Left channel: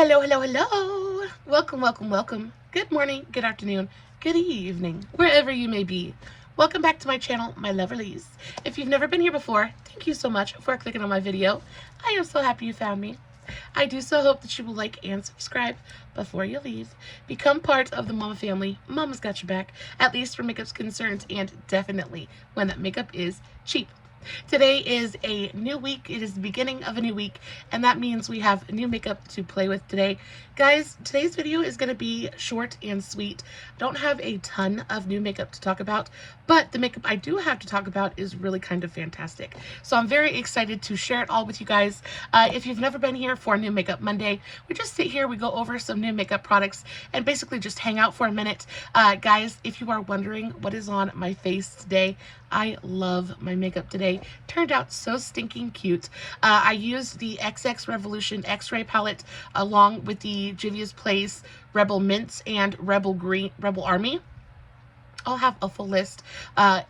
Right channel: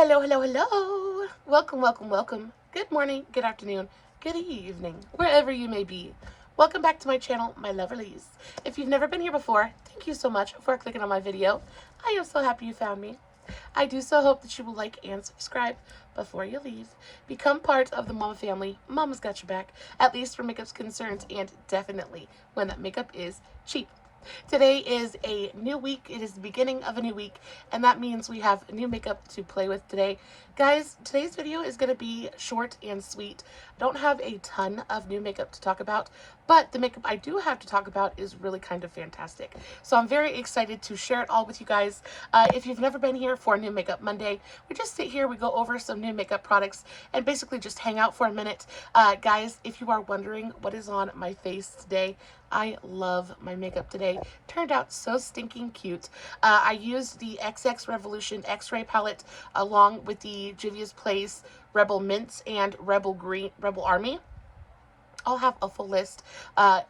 Hello, hello, hello. Welcome, welcome, welcome. Good morning, good afternoon, good evening, wherever you may be. Welcome back to my channel, my lovelies. If you've never been here before, thank you so much for clicking on my video. I am so happy you found me. I do so hope that you will like and subscribe before you leave. Become part of the Mama family. Mama's got your back, at least where makeup's concerned, and definitely when that makeup is cheap. Today is a new week. It is the beginning of a new week, and that means we have new makeup to play with today. Guys, today's video is going to be short and sweet. I don't have a ton of new makeup to talk about, but the makeup I do have to talk about is really kind of fantastic. So I'm very excited to share it all with you guys. If you've never been here for New Makeup Monday, we just sit here, we go over some new makeup products, and basically just hang out for a minute. Guys, if you are wondering what is on my face today, I love my makeup today. Turned out so stinking cute. I used the XX Revolution X-Ray palette along with the Juvia's Place Rebel Mints and Rebel Army. I'll have a full list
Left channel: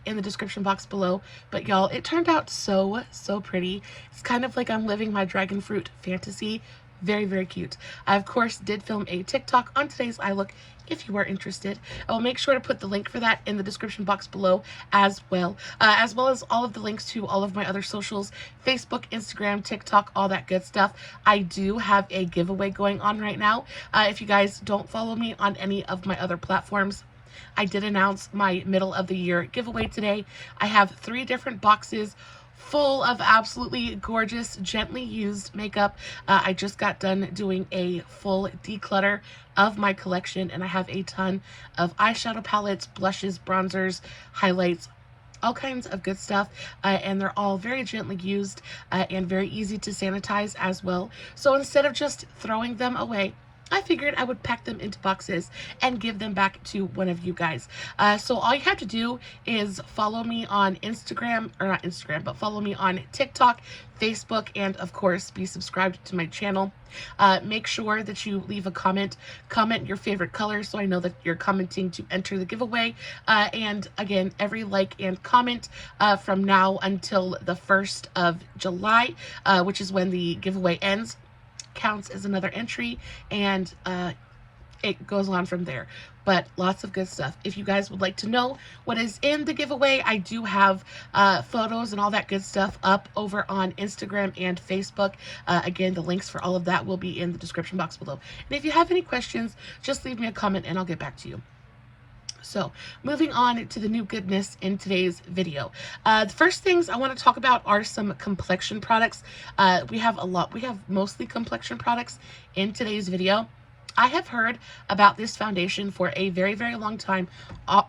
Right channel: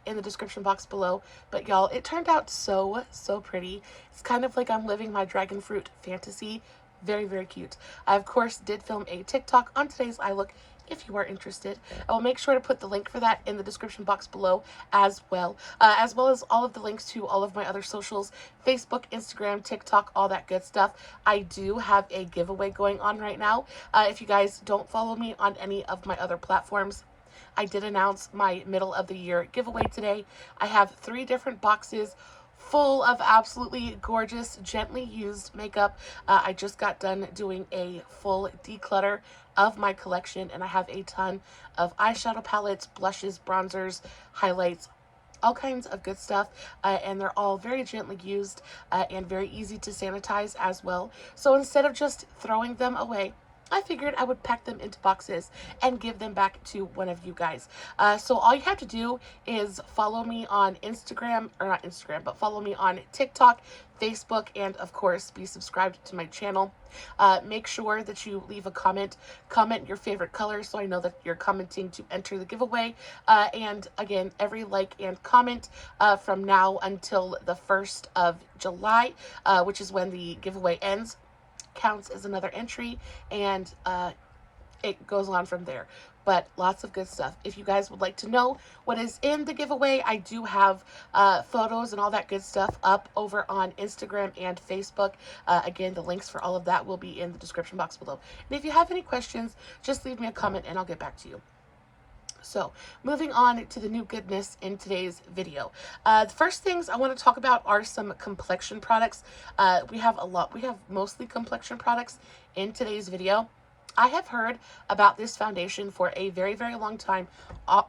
in the description box below. But y'all, it turned out so pretty. It's kind of like I'm living my dragon fruit fantasy. Very, very cute. I, of course, did film a TikTok on today's eye look if you are interested. I will make sure to put the link for that in the description box below as well as all of the links to all of my other socials, Facebook, Instagram, TikTok, all that good stuff. I do have a giveaway going on right now. If you guys don't follow me on any of my other platforms, I did announce my middle of the year giveaway today. I have 3 different boxes full of absolutely gorgeous, gently used makeup. I just got done doing a full declutter of my collection, and I have a ton of eyeshadow palettes, blushes, bronzers, highlights, all kinds of good stuff, and they're all very gently used and very easy to sanitize as well. So instead of just throwing them away, I figured I would pack them into boxes and give them back to one of you guys. So all you have to do is follow me on Instagram, or not Instagram, but follow me on TikTok, Facebook, and of course be subscribed to my channel. Make sure that you leave a comment your favorite color so I know that you're commenting to enter the giveaway. And again, every like and comment from now until the 1st of July, which is when the giveaway ends, counts as another entry, and it goes on from there. But lots of good stuff. If you guys would like to know what is in the giveaway, I do have photos and all that good stuff up over on Instagram and Facebook. Again, the links for all of that will be in the description box below. And if you have any questions, just leave me a comment and I'll get back to you. So, moving on to the new goodness in today's video. The first things I want to talk about are some complexion products. We have mostly complexion products in today's video. I have heard about this foundation for a very, very long time.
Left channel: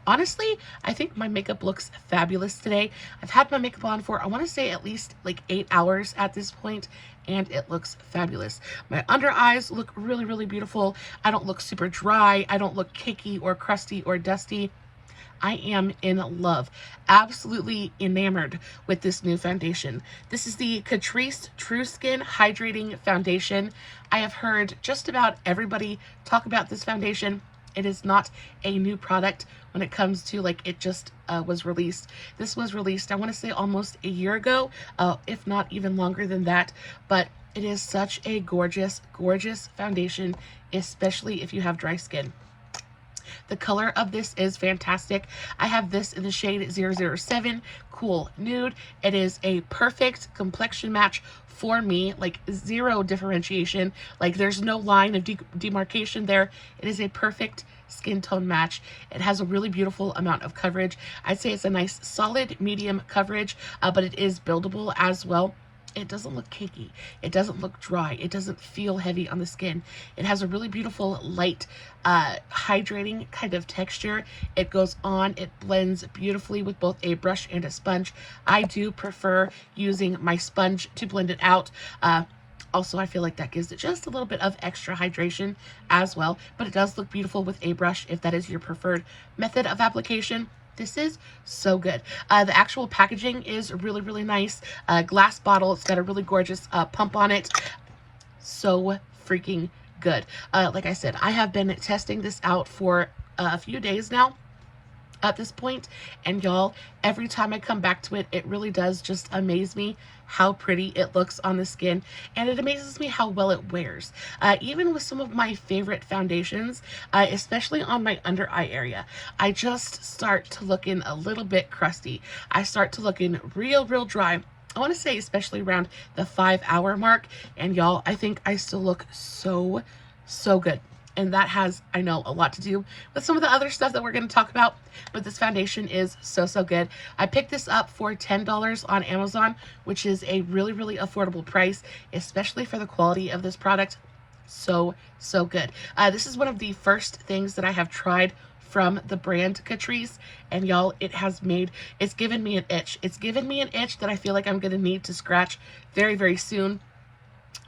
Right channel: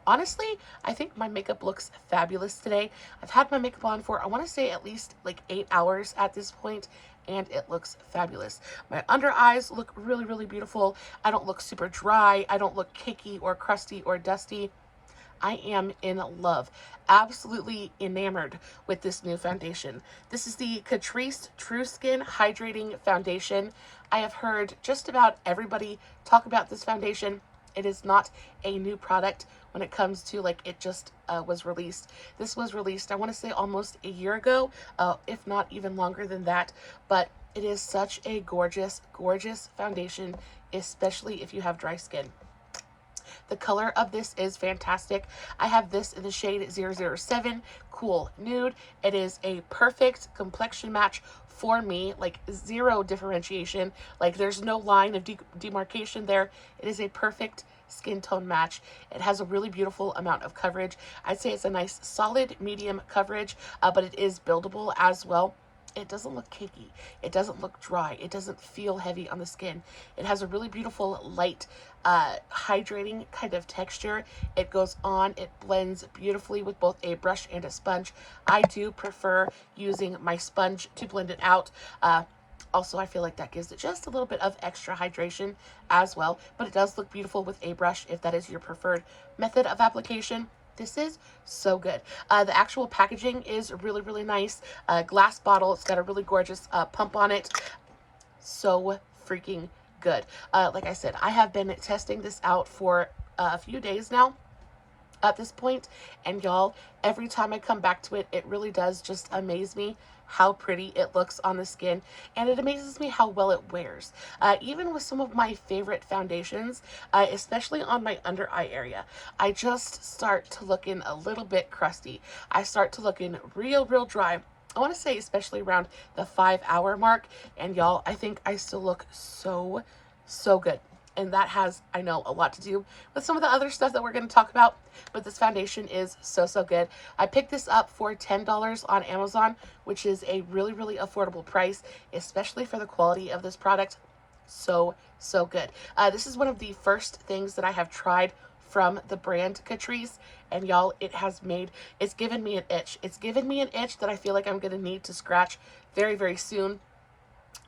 Honestly, I think my makeup looks fabulous today. I've had my makeup on for, I want to say, at least like 8 hours at this point, and it looks fabulous. My under eyes look really, really beautiful. I don't look super dry. I don't look cakey or crusty or dusty. I am in love, absolutely enamored with this new foundation. This is the Catrice True Skin Hydrating Foundation. I have heard just about everybody talk about this foundation. It is not a new product when it comes to, like, it just was released. This was released, I want to say, almost a year ago, if not even longer than that. But it is such a gorgeous, gorgeous foundation, especially if you have dry skin. The color of this is fantastic. I have this in the shade 007, Cool Nude. It is a perfect complexion match for me, like zero differentiation. Like there's no line of demarcation there. It is a perfect skin tone match. It has a really beautiful amount of coverage. I'd say it's a nice solid medium coverage, but it is buildable as well. It doesn't look cakey. It doesn't look dry. It doesn't feel heavy on the skin. It has a really beautiful, light, hydrating kind of texture. It goes on. It blends beautifully with both a brush and a sponge. I do prefer using my sponge to blend it out. Also, I feel like that gives it just a little bit of extra hydration as well. But it does look beautiful with a brush if that is your preferred method of application. This is so good. The actual packaging is really, really nice. Glass bottle. It's got a really gorgeous pump on it. So freaking good. Like I said, I have been testing this out for a few days now at this point, and y'all, every time I come back to it, it really does just amaze me how pretty it looks on the skin, and it amazes me how well it wears. Even with some of my favorite foundations, especially on my under eye area, I just start to looking a little bit crusty. I start to looking real dry. I want to say especially around the 5-hour mark, and y'all, I think I still look so good. And that has, I know, a lot to do with some of the other stuff that we're going to talk about, but this foundation is so good. I picked this up for $10 on Amazon, which is a really affordable price, especially for the quality of this product. So good. This is one of the first things that I have tried from the brand Catrice, and y'all, it's given me an itch. It's given me an itch that I feel like I'm going to need to scratch very soon.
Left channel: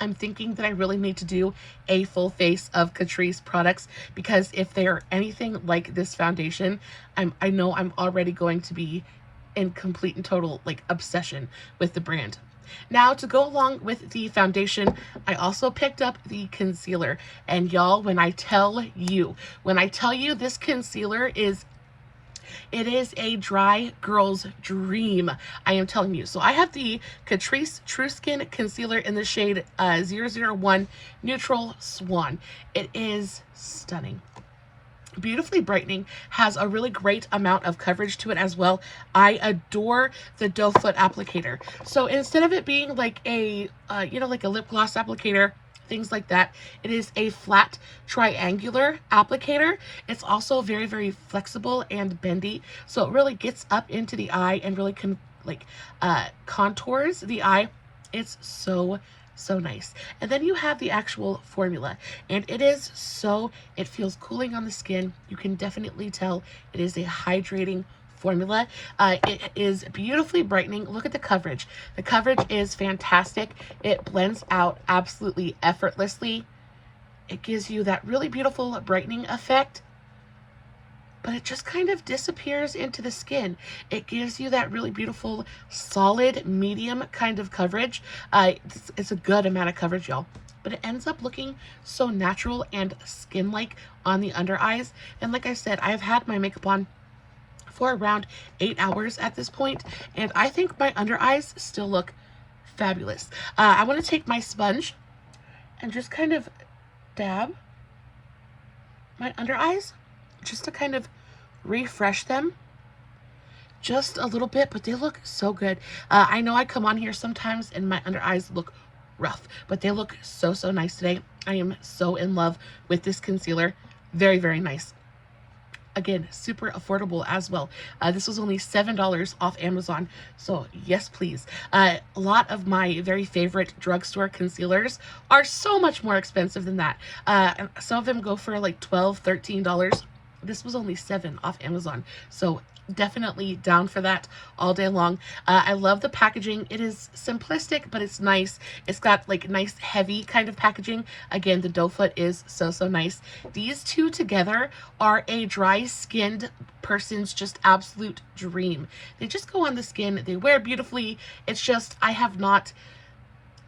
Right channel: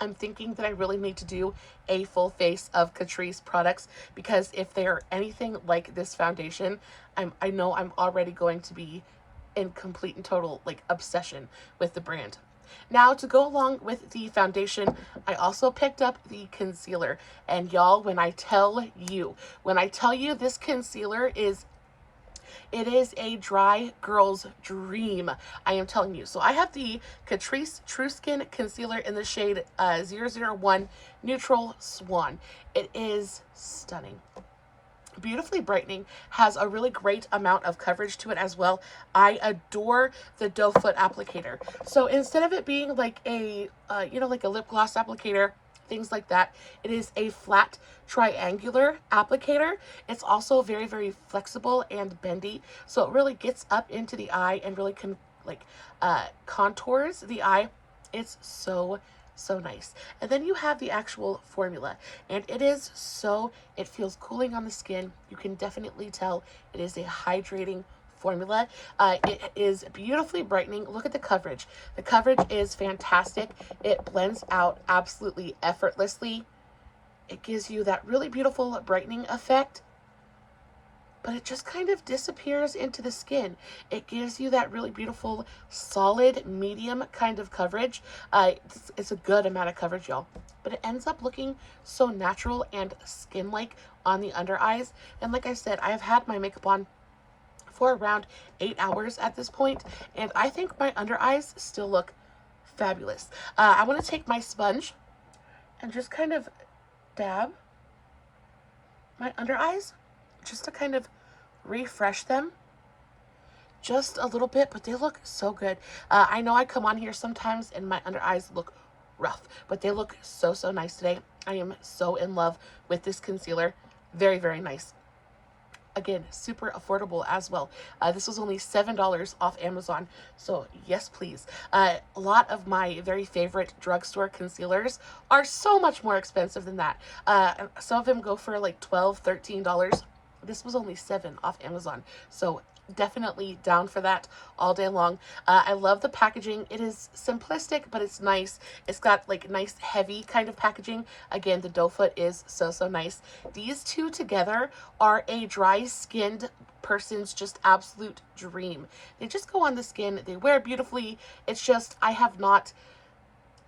I'm thinking that I really need to do a full face of Catrice products, because if they are anything like this foundation, I know I'm already going to be in complete and total like obsession with the brand. Now, to go along with the foundation, I also picked up the concealer, and y'all, when I tell you this concealer is a dry girl's dream, I am telling you. So I have the Catrice True Skin Concealer in the shade 001 Neutral Swan. It is stunning. Beautifully brightening, has a really great amount of coverage to it as well. I adore the doe foot applicator. So instead of it being like a like a lip gloss applicator, things like that, it is a flat triangular applicator. It's also very flexible and bendy, so it really gets up into the eye and really contours the eye. It's so nice. And then you have the actual formula, and it feels cooling on the skin. You can definitely tell it is a hydrating formula. It is beautifully brightening. Look at the coverage. The coverage is fantastic. It blends out absolutely effortlessly. It gives you that really beautiful brightening effect, but it just kind of disappears into the skin. It gives you that really beautiful, solid, medium kind of coverage. It's a good amount of coverage, y'all, but it ends up looking so natural and skin-like on the under eyes. And like I said, I have had my makeup on for around 8 hours at this point, and I think my under eyes still look fabulous. I want to take my sponge and just kind of dab my under eyes, just to kind of refresh them just a little bit, but they look so good. I know I come on here sometimes and my under eyes look rough, but they look so nice today. I am so in love with this concealer. Very nice. Again, super affordable as well. This was only $7 off Amazon, so yes please. A lot of my very favorite drugstore concealers are so much more expensive than that. Some of them go for like $12, $13. This was only $7 off Amazon, so definitely down for that all day long. I love the packaging. It is simplistic, but it's nice. It's got like nice heavy kind of packaging. Again, the doe foot is so nice. These two together are a dry skinned person's just absolute dream. They just go on the skin. They wear beautifully. It's just,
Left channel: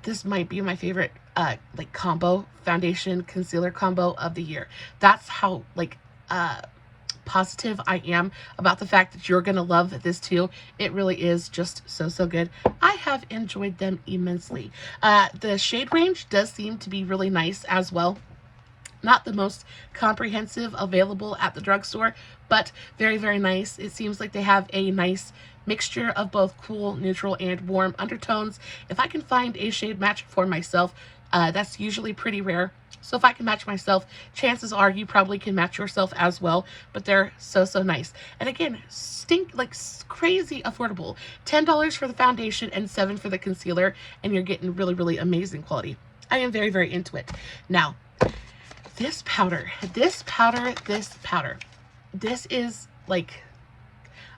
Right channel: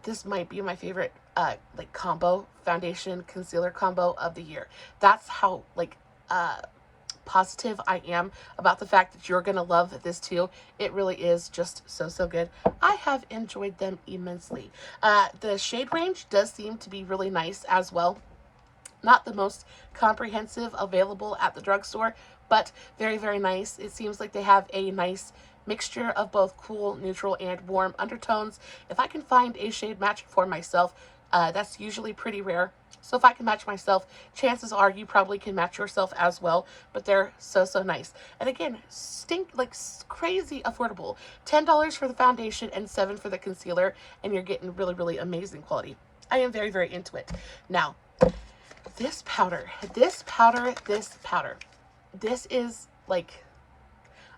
this might be my favorite like combo, foundation concealer combo of the year. That's how positive I am about the fact that you're gonna love this too. It really is just so good. I have enjoyed them immensely. The shade range does seem to be really nice as well. Not the most comprehensive available at the drugstore, but very nice. It seems like they have a nice mixture of both cool, neutral, and warm undertones. If I can find a shade match for myself, that's usually pretty rare. So if I can match myself, chances are you probably can match yourself as well. But they're so nice. And again, crazy affordable. $10 for the foundation and $7 for the concealer, and you're getting really amazing quality. I am very into it. Now, this powder. This is like,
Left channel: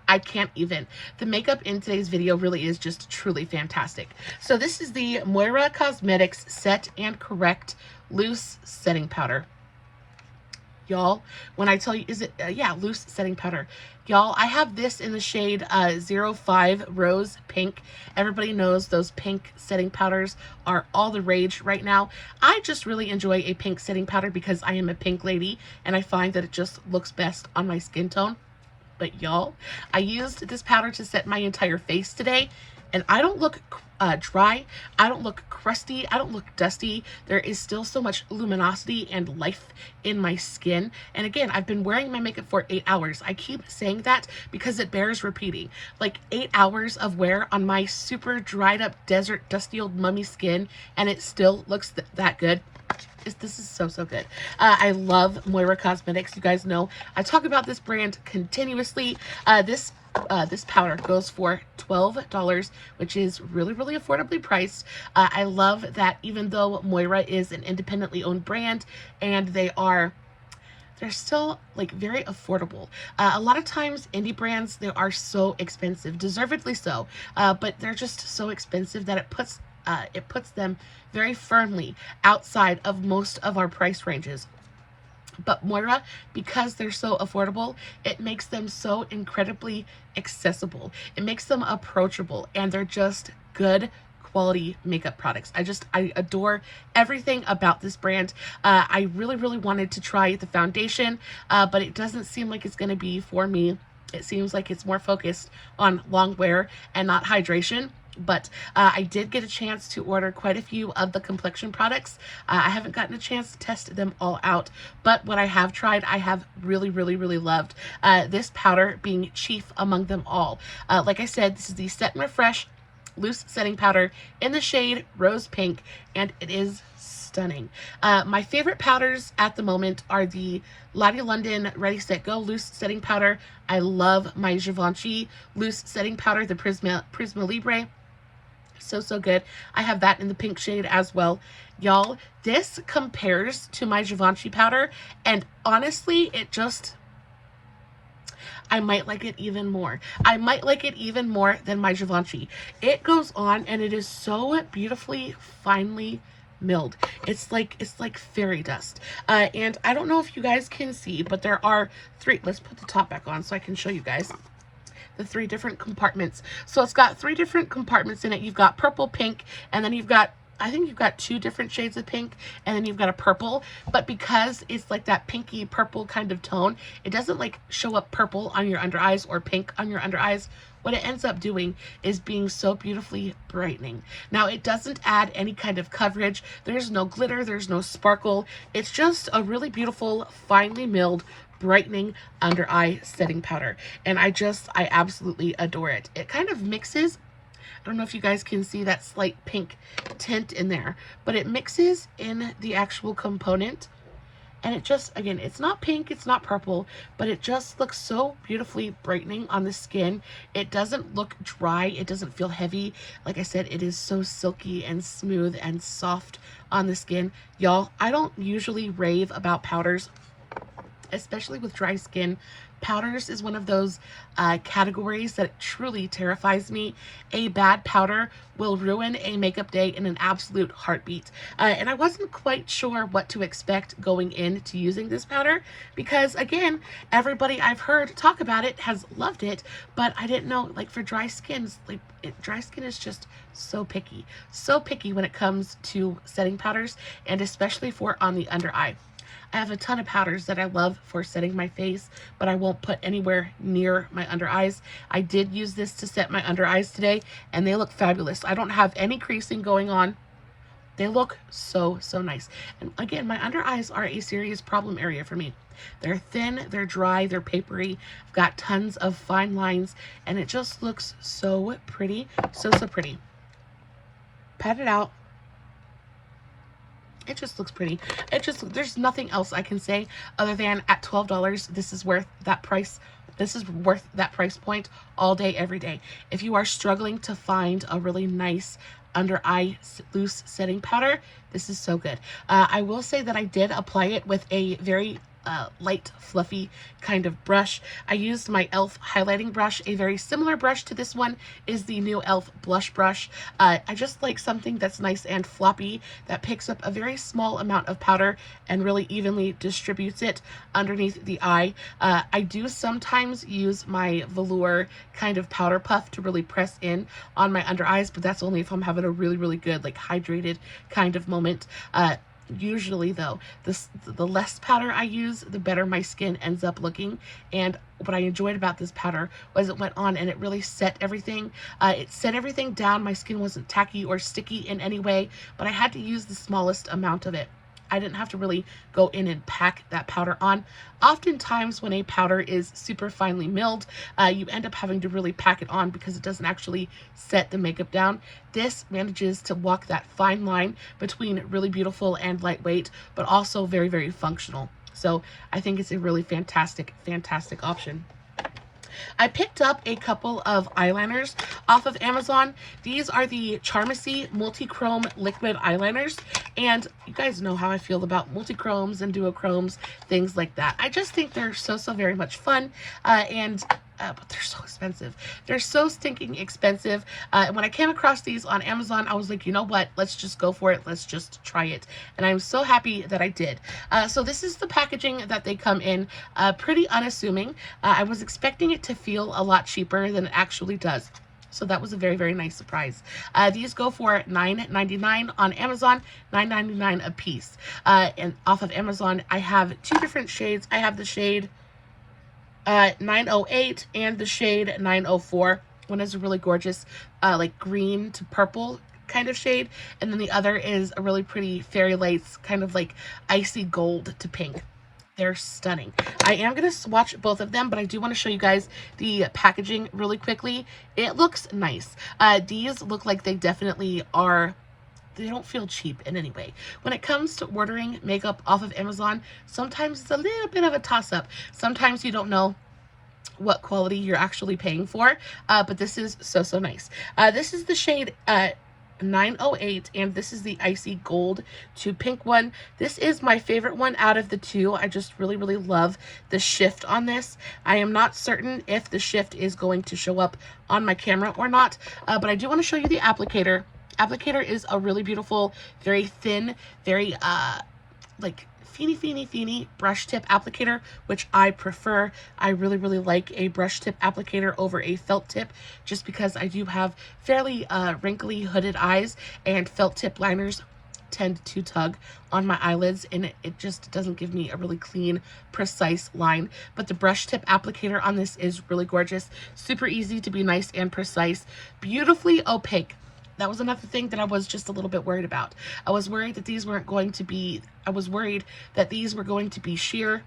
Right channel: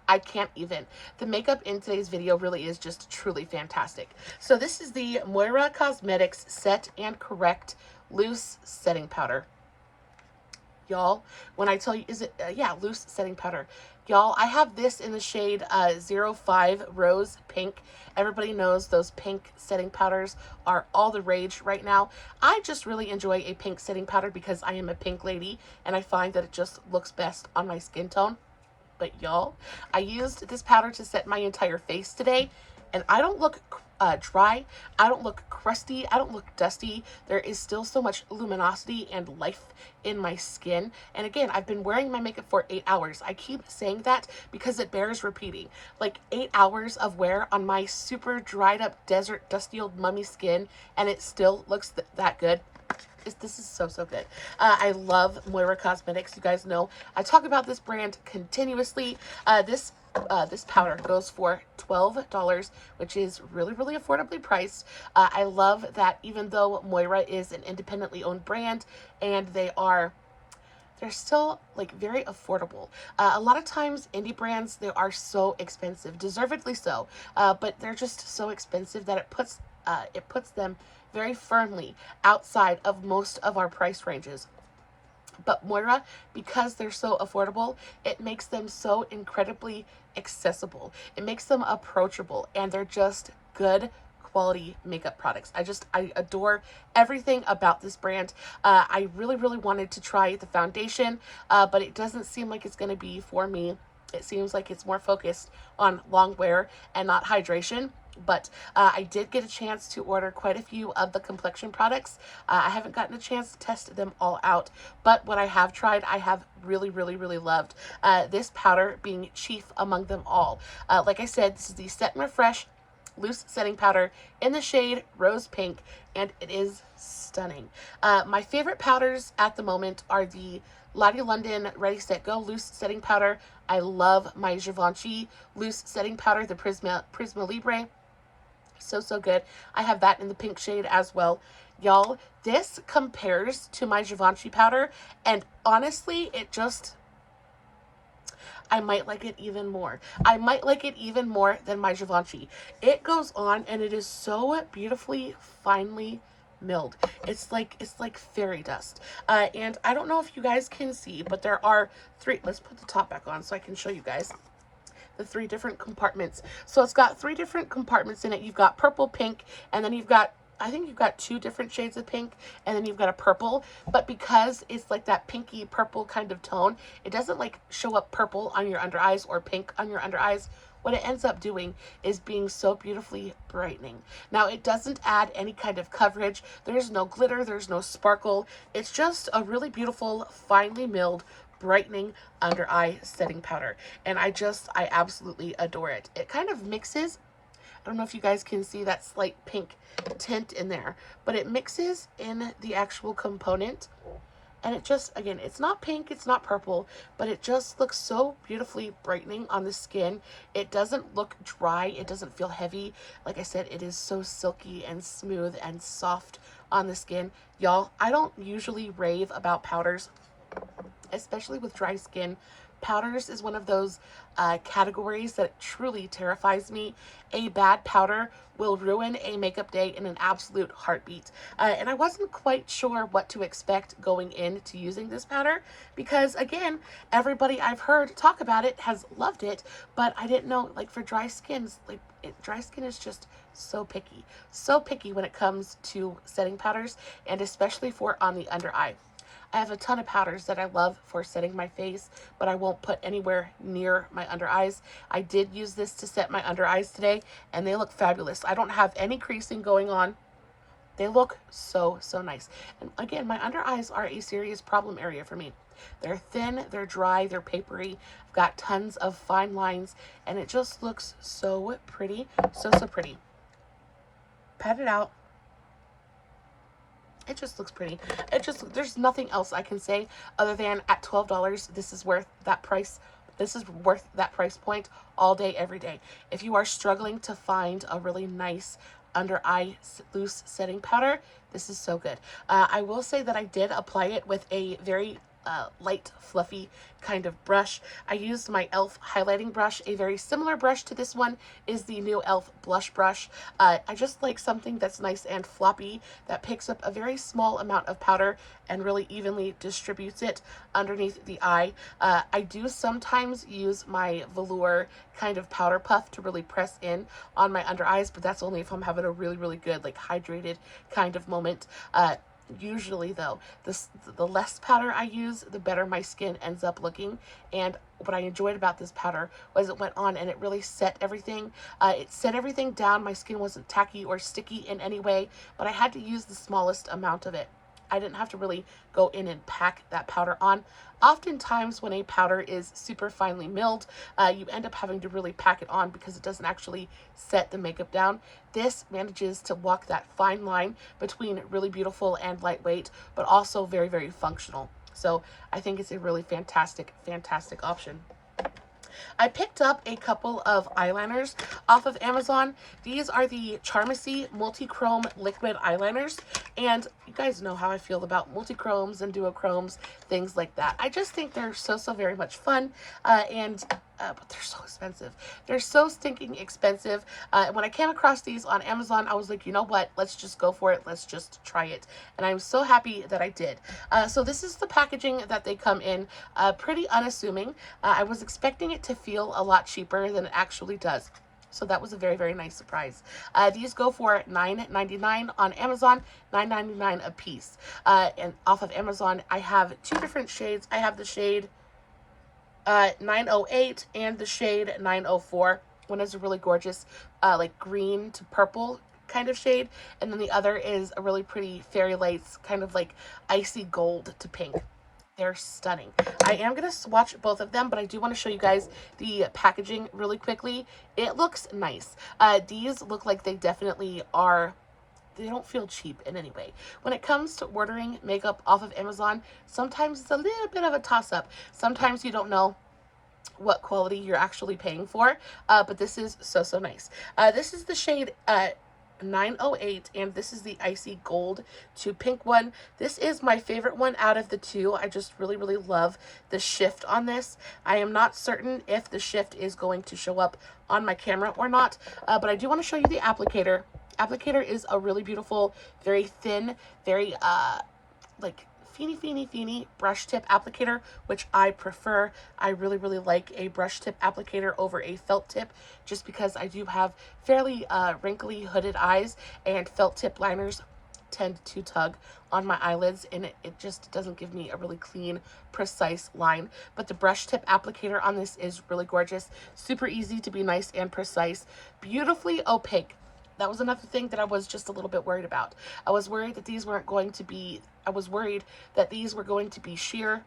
I can't even. The makeup in today's video really is just truly fantastic. So this is the Moira Cosmetics Set and Correct Loose Setting Powder. Y'all, when I tell you, loose setting powder. Y'all, I have this in the shade 05 Rose Pink. Everybody knows those pink setting powders are all the rage right now. I just really enjoy a pink setting powder because I am a pink lady, and I find that it just looks best on my skin tone. But y'all, I used this powder to set my entire face today, and I don't look dry. I don't look crusty. I don't look dusty. There is still so much luminosity and life in my skin. And again, I've been wearing my makeup for 8 hours. I keep saying that because it bears repeating. Like 8 hours of wear on my super dried up desert dusty old mummy skin, and it still looks that good. This is so good. I love Moira Cosmetics. You guys know I talk about this brand continuously. This powder goes for $12, which is really affordably priced. I love that even though Moira is an independently owned brand and they're still like very affordable. A lot of times indie brands, they are so expensive, deservedly so, but they're just so expensive that it puts them very firmly outside of most of our price ranges. But Moira, because they're so affordable, it makes them so incredibly accessible. It makes them approachable, and they're just good quality makeup products. I adore everything about this brand. I really wanted to try the foundation, but it doesn't seem like it's going to be for me. It seems like it's more focused on long wear and not hydration. But I did get a chance to order quite a few of the complexion products. I haven't gotten a chance to test them all out, but what I have tried, I have really loved. This powder being chief among them all. Like I said, this is the Set and Refresh loose setting powder in the shade Rose Pink, and it is stunning. My favorite powders at the moment are the Lottie London Ready Set Go loose setting powder. I love my Givenchy loose setting powder, the Prisma Libre. So good. I have that in the pink shade as well. Y'all, this compares to my Givenchy powder, and honestly, I might like it even more. I might like it even more than my Givenchy. It goes on and it is so beautifully, finely milled. It's like fairy dust. And I don't know if you guys can see, but there are three. Let's put the top back on so I can show you guys the 3 different compartments. So it's got 3 different compartments in it. You've got purple, pink, and then I think you've got 2 different shades of pink, and then you've got a purple. But because it's like that pinky purple kind of tone, it doesn't like show up purple on your under eyes or pink on your under eyes. What it ends up doing is being so beautifully brightening. Now, it doesn't add any kind of coverage. There's no glitter, there's no sparkle. It's just a really beautiful, finely milled, brightening under eye setting powder, and I absolutely adore it. It kind of mixes, I don't know if you guys can see that slight pink tint in there, but it mixes in the actual component, and it just, again, it's not pink, it's not purple, but it just looks so beautifully brightening on the skin. It doesn't look dry, it doesn't feel heavy. Like I said, it is so silky and smooth and soft on the skin. Y'all, I don't usually rave about powders, especially with dry skin. Powders is one of those categories that truly terrifies me. A bad powder will ruin a makeup day in an absolute heartbeat. And I wasn't quite sure what to expect going into using this powder because, again, everybody I've heard talk about it has loved it, but I didn't know, like, for dry skins, like, dry skin is just so picky when it comes to setting powders, and especially for on the under eye. I have a ton of powders that I love for setting my face, but I won't put anywhere near my under eyes. I did use this to set my under eyes today, and they look fabulous. I don't have any creasing going on. They look so nice. And again, my under eyes are a serious problem area for me. They're thin, they're dry, they're papery. I've got tons of fine lines, and it just looks so pretty. So pretty. Pat it out. It just looks pretty. There's nothing else I can say other than at $12, this is worth that price. This is worth that price point all day, every day. If you are struggling to find a really nice under eye loose setting powder, this is so good. I will say that I did apply it with a very light, fluffy kind of brush. I used my e.l.f. highlighting brush. A very similar brush to this one is the new e.l.f. blush brush. I just like something that's nice and floppy, that picks up a very small amount of powder and really evenly distributes it underneath the eye. I do sometimes use my velour kind of powder puff to really press in on my under eyes, but that's only if I'm having a really good, like, hydrated kind of moment. Usually though, the less powder I use, the better my skin ends up looking. And what I enjoyed about this powder was it went on and it really set everything. It set everything down. My skin wasn't tacky or sticky in any way, but I had to use the smallest amount of it. I didn't have to really go in and pack that powder on. Oftentimes when a powder is super finely milled, you end up having to really pack it on because it doesn't actually set the makeup down. This manages to walk that fine line between really beautiful and lightweight, but also very, very functional. So I think it's a really fantastic, fantastic option. I picked up a couple of eyeliners off of Amazon. These are the Charmacy Multichrome Liquid Eyeliners. And you guys know how I feel about multichromes and duochromes, things like that. I just think they're so very much fun. But they're so expensive. They're so stinking expensive. When I came across these on Amazon, I was like, you know what? Let's just go for it. Let's just try it. And I'm so happy that I did. So this is the packaging that they come in. Pretty unassuming. I was expecting it to feel a lot cheaper than it actually does. So that was a very, very nice surprise. These go for $9.99 on Amazon, $9.99 a piece. And off of Amazon, I have two different shades. I have the shade 908 and the shade 904. One is a really gorgeous like green to purple kind of shade, and then the other is a really pretty fairy lights kind of like icy gold to pink. They're stunning. I am going to swatch both of them, but I do want to show you guys the packaging really quickly. It looks nice. These look like they definitely are. They don't feel cheap in any way. When it comes to ordering makeup off of Amazon, sometimes it's a little bit of a toss-up. Sometimes you don't know what quality you're actually paying for, but this is so nice. This is the shade 908, and this is the icy gold to pink one. This is my favorite one out of the two. I just really love the shift on this. I am not certain if the shift is going to show up on my camera or not, but I do want to show you the applicator. Applicator is a really beautiful, very thin, very like feeny brush tip applicator, which I prefer. I really like a brush tip applicator over a felt tip, just because I do have fairly wrinkly hooded eyes, and felt tip liners tend to tug on my eyelids, and it just doesn't give me a really clean, precise line. But the brush tip applicator on this is really gorgeous, super easy to be nice and precise, beautifully opaque. That was another thing that I was just a little bit worried about. I was worried that these were going to be sheer,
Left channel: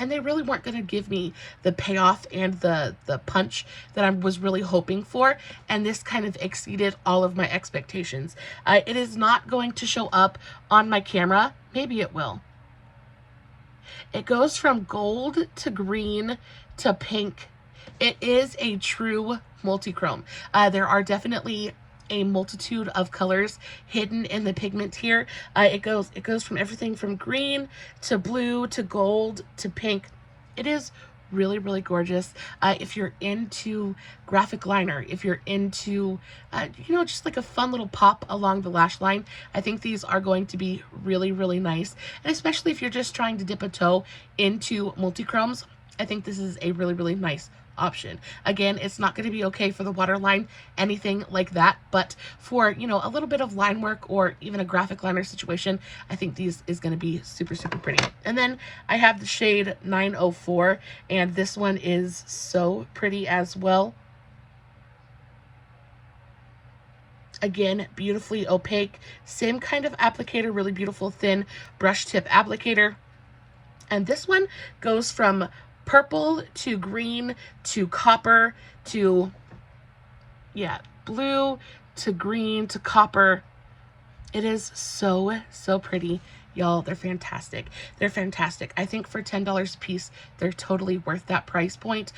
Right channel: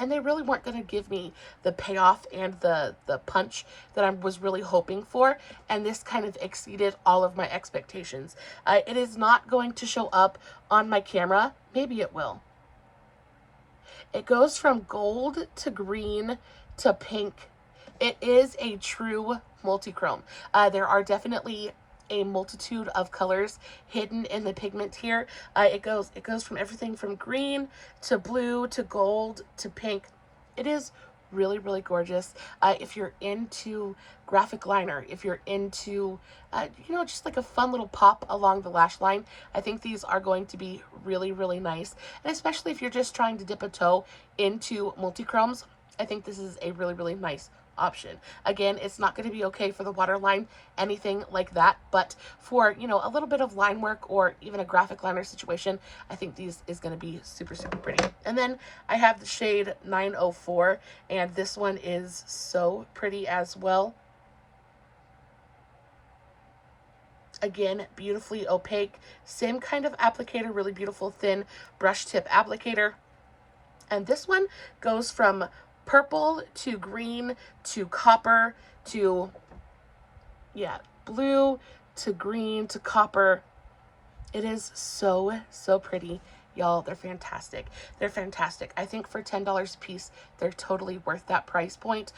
and they really weren't going to give me the payoff and the punch that I was really hoping for, and this kind of exceeded all of my expectations. It is not going to show up on my camera. Maybe it will. It goes from gold to green to pink. It is a true multichrome. There are definitely a multitude of colors hidden in the pigment here. It goes from everything from green to blue to gold to pink. It is really gorgeous. If you're into graphic liner, if you're into you know, just like a fun little pop along the lash line, I think these are going to be really nice. And especially if you're just trying to dip a toe into multichromes, I think this is a really nice option. Again, it's not going to be okay for the waterline, anything like that, but for, you know, a little bit of line work or even a graphic liner situation, I think these is going to be super pretty. And then I have the shade 904, and this one is so pretty as well. Again, beautifully opaque, same kind of applicator, really beautiful thin brush tip applicator. And this one goes from purple to green to copper to, yeah, blue to green to copper. It is so pretty, y'all. They're fantastic. They're fantastic. I think for $10 a piece, they're totally worth that price point.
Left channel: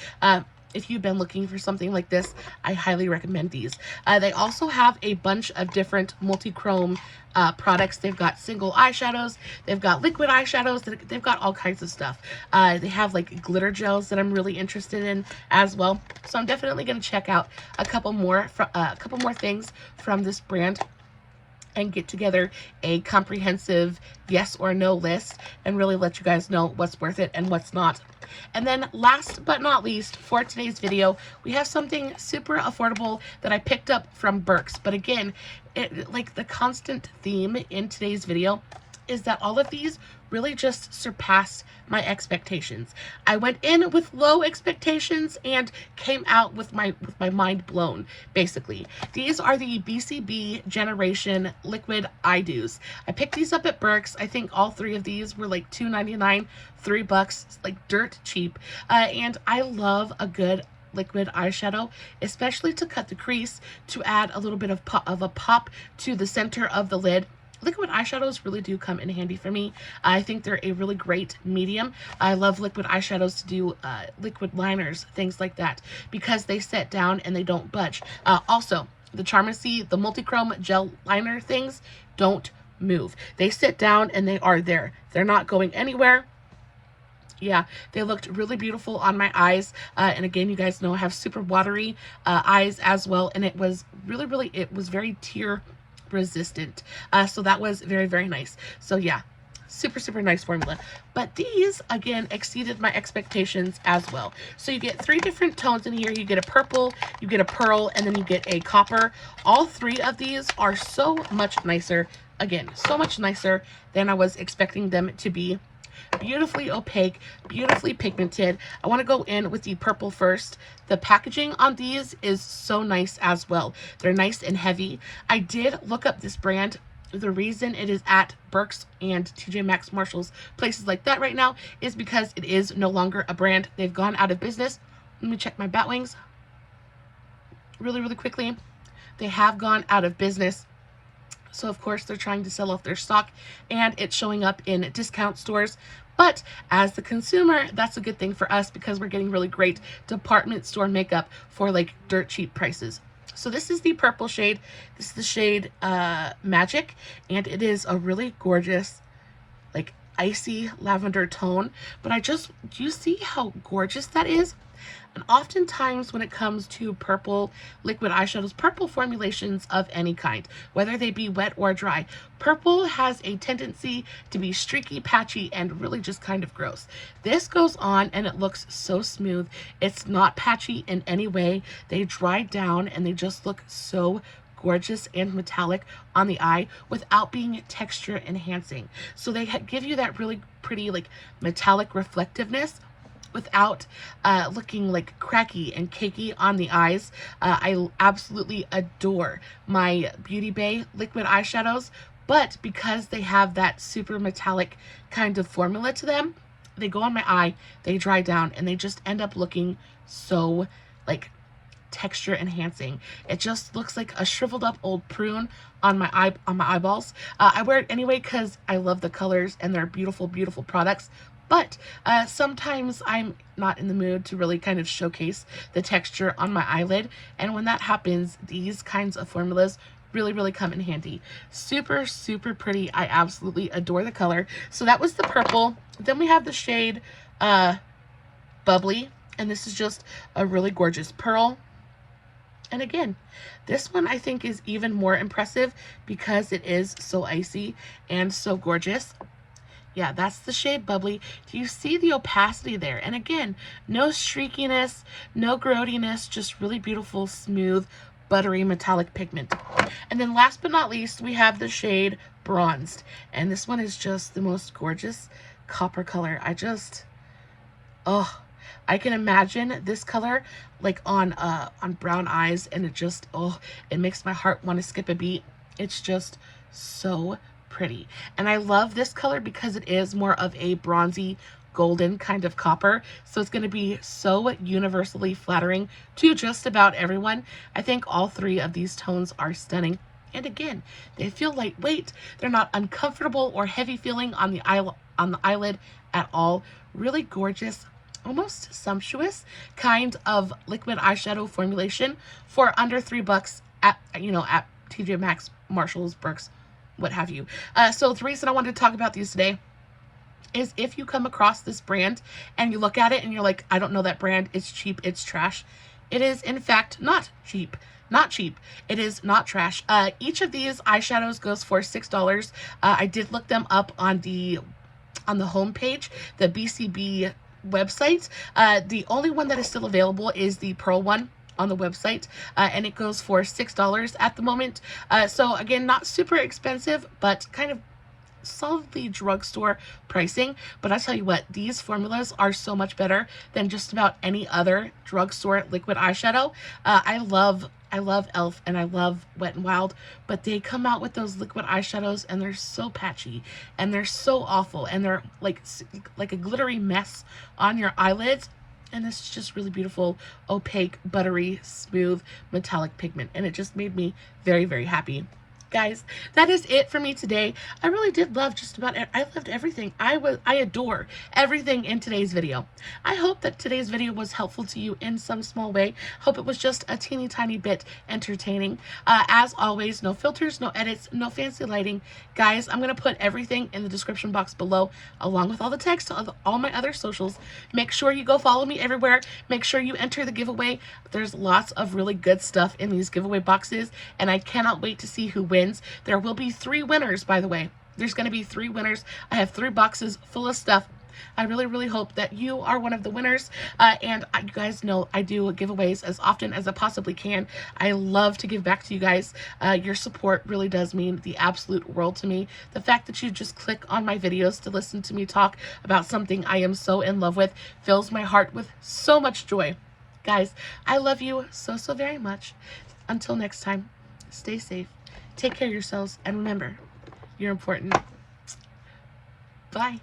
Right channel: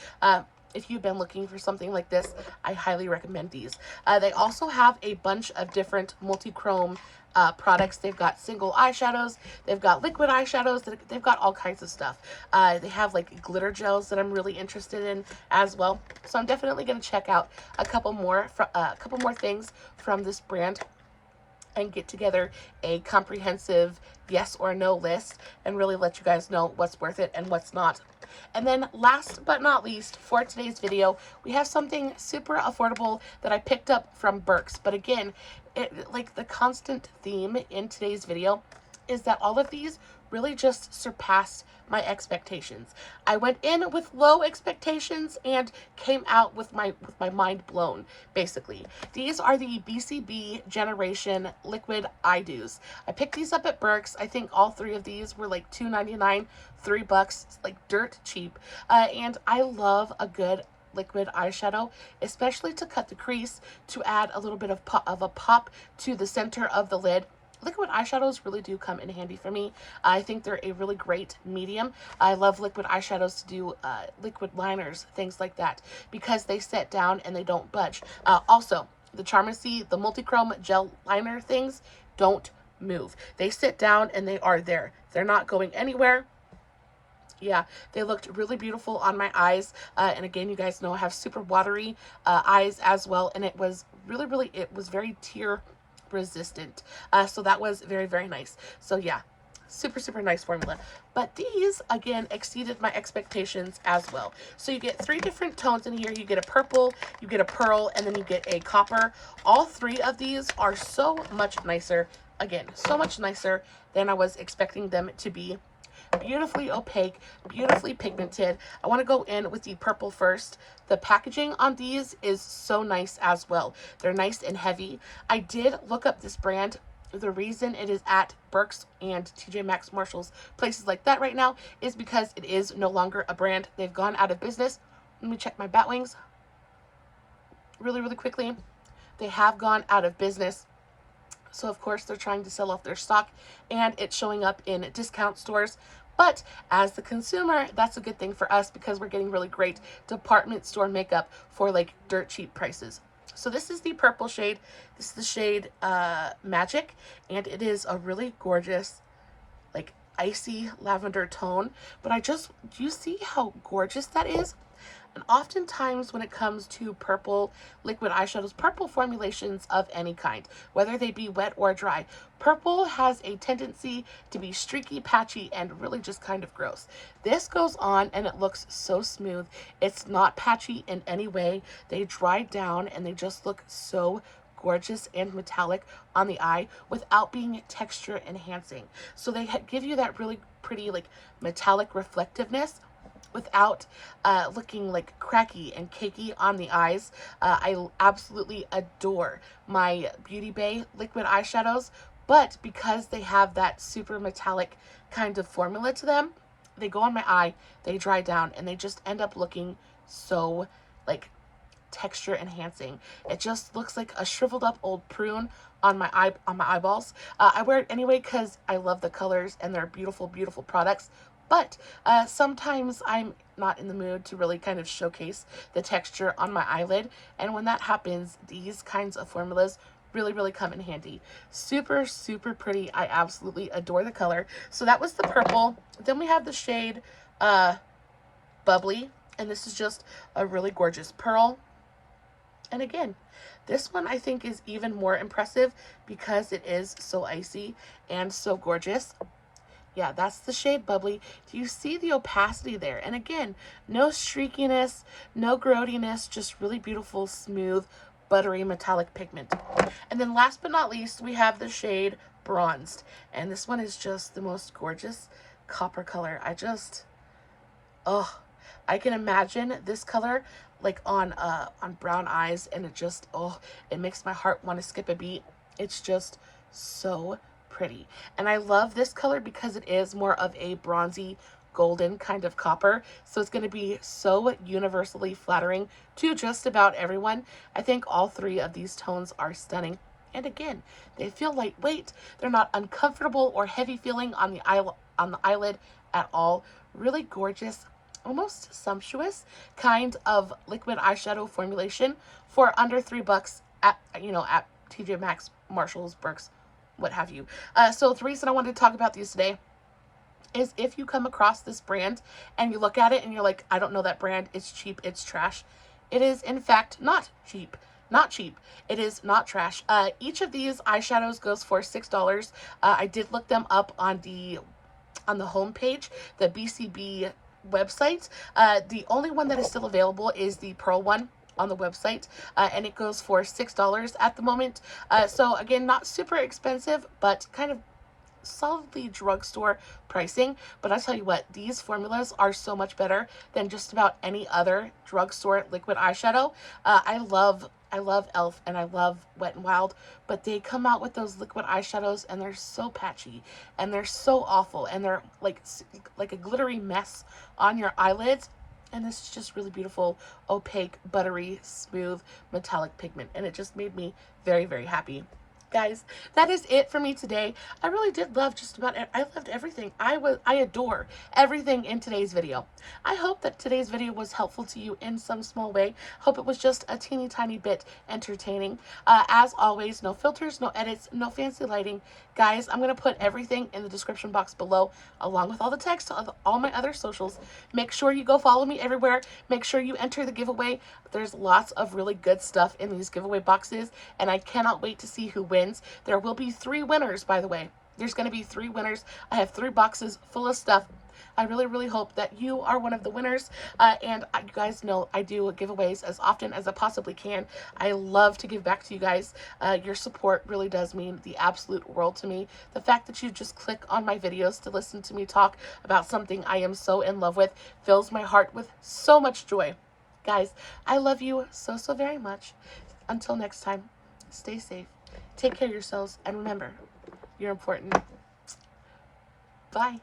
If you've been looking for something like this, I highly recommend these. They also have a bunch of different multi-chrome products. They've got single eyeshadows, they've got liquid eyeshadows, they've got all kinds of stuff. They have like glitter gels that I'm really interested in as well. So I'm definitely going to check out a couple more things from this brand and get together a comprehensive yes or no list and really let you guys know what's worth it and what's not. And then last but not least, for today's video, we have something super affordable that I picked up from Burke's. But again, like the constant theme in today's video is that all of these really just surpassed my expectations. I went in with low expectations and came out with my mind blown, basically. These are the BCB Generation Liquid Eye Dews. I picked these up at Burke's. I think all three of these were like $2.99, $3, like dirt cheap. And I love a good liquid eyeshadow, especially to cut the crease, to add a little bit of a pop to the center of the lid. Liquid eyeshadows really do come in handy for me. I think they're a really great medium. I love liquid eyeshadows to do liquid liners, things like that, because they set down and they don't budge. Also, the Charmacy, the Multichrome gel liner things don't move. They sit down and they are there. They're not going anywhere. Yeah, they looked really beautiful on my eyes. And again, you guys know I have super watery eyes as well. And it was really, it was very tear resistant. So that was very, very nice. So yeah, super nice formula. But these, again, exceeded my expectations as well. So you get 3 different tones in here. You get a purple, you get a pearl, and then you get a copper. All 3 of these are so much nicer. Again, so much nicer than I was expecting them to be. Beautifully opaque, beautifully pigmented. I want to go in with the purple first. The packaging on these is so nice as well. They're nice and heavy. I did look up this brand. The reason it is at Burke's and TJ Maxx, Marshalls, places like that right now is because it is no longer a brand. They've gone out of business. Let me check my bat wings really quickly. They have gone out of business. So of course they're trying to sell off their stock and it's showing up in discount stores. But as the consumer, that's a good thing for us because we're getting really great department store makeup for like dirt cheap prices. So this is the purple shade. This is the shade Magic, and it is a really gorgeous, like icy lavender tone. But do you see how gorgeous that is? And oftentimes when it comes to purple liquid eyeshadows, purple formulations of any kind, whether they be wet or dry, purple has a tendency to be streaky, patchy, and really just kind of gross. This goes on and it looks so smooth. It's not patchy in any way. They dry down and they just look so gorgeous and metallic on the eye without being texture enhancing. So they give you that really pretty like metallic reflectiveness without looking like cracky and cakey on the eyes. I absolutely adore my Beauty Bay liquid eyeshadows, but because they have that super metallic kind of formula to them, they go on my eye, they dry down, and they just end up looking so like texture enhancing. It just looks like a shriveled up old prune on my eyeballs. I wear it anyway because I love the colors and they're beautiful products. But sometimes I'm not in the mood to really kind of showcase the texture on my eyelid. And when that happens, these kinds of formulas really come in handy. Super pretty. I absolutely adore the color. So that was the purple. Then we have the shade Bubbly. And this is just a really gorgeous pearl. And again, this one I think is even more impressive because it is so icy and so gorgeous. Yeah, that's the shade Bubbly. Do you see the opacity there? And again, no streakiness, no growiness, just really beautiful, smooth, buttery, metallic pigment. And then last but not least, we have the shade Bronzed. And this one is just the most gorgeous copper color. I can imagine this color like on brown eyes, and it makes my heart want to skip a beat. It's just so pretty. And I love this color because it is more of a bronzy golden kind of copper, so it's going to be so universally flattering to just about everyone. I think all 3 of these tones are stunning, and again, they feel lightweight. They're not uncomfortable or heavy feeling on the eyelid at all. Really gorgeous, almost sumptuous kind of liquid eyeshadow formulation for under $3 at TJ Maxx, Marshalls, Burke's, what have you. So the reason I wanted to talk about these today is if you come across this brand and you look at it and you're like, I don't know that brand, it's cheap, it's trash. It is in fact not cheap. It is not trash. Each of these eyeshadows goes for $6. I did look them up on the home page, the BCB website. The only one that is still available is the pearl one on the website, and it goes for $6 at the moment. So again, not super expensive, but kind of solidly drugstore pricing, but I tell you what, these formulas are so much better than just about any other drugstore liquid eyeshadow. I love e.l.f. and I love Wet n Wild, but they come out with those liquid eyeshadows and they're so patchy and they're so awful and they're like a glittery mess on your eyelids. And this is just really beautiful, opaque, buttery, smooth, metallic pigment. And it just made me very, very happy. Guys, that is it for me today. I really did love just about it. I loved everything. I adore everything in today's video. I hope that today's video was helpful to you in some small way. Hope it was just a teeny tiny bit entertaining. As always, no filters, no edits, no fancy lighting. Guys, I'm going to put everything in the description box below, along with all the text of all my other socials. Make sure you go follow me everywhere. Make sure you enter the giveaway. There's lots of really good stuff in these giveaway boxes, and I cannot wait to see who wins. There will be 3 winners, by the way. There's going to be 3 winners. I have 3 boxes full of stuff. I really, really hope that you are one of the winners. And you guys know I do giveaways as often as I possibly can. I love to give back to you guys. Your support really does mean the absolute world to me. The fact that you just click on my videos to listen to me talk about something I am so in love with fills my heart with so much joy. Guys, I love you so, so very much. Until next time, stay safe. Take care of yourselves, and remember, you're important. Bye.